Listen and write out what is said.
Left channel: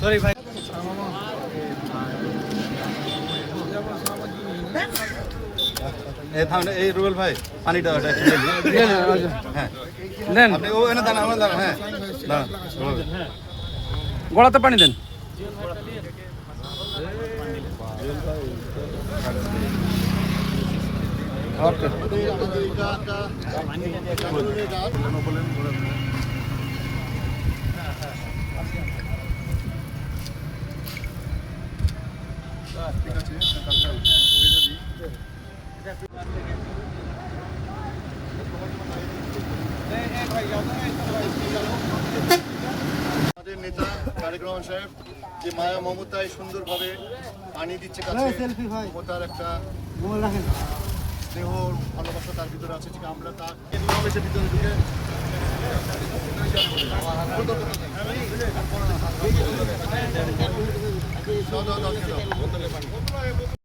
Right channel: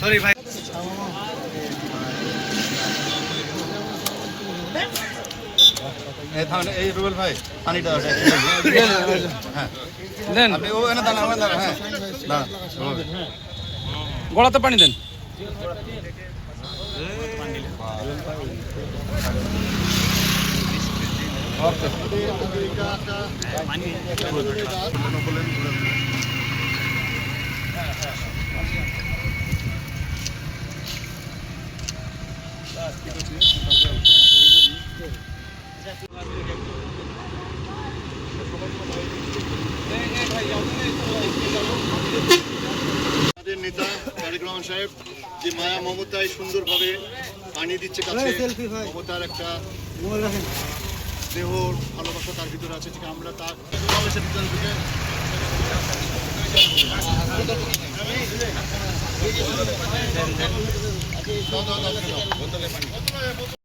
sorry ভাই এই রুবেল ভাই পানিটা হ্যাঁ আপনি ও এনে দাঁড়ান হ্যাঁ গলাতে পানি দেন আমাদের নেতা তারেক রহমান সাহেব যে মায়া মমতায় সুন্দরভাবে পানি দিচ্ছে কাছে মমতার একটা দেহ ভালোবাসা তার ভিতরে আছে ঠিক আমরা তার সমাবেশের ভিতরে ঢুকে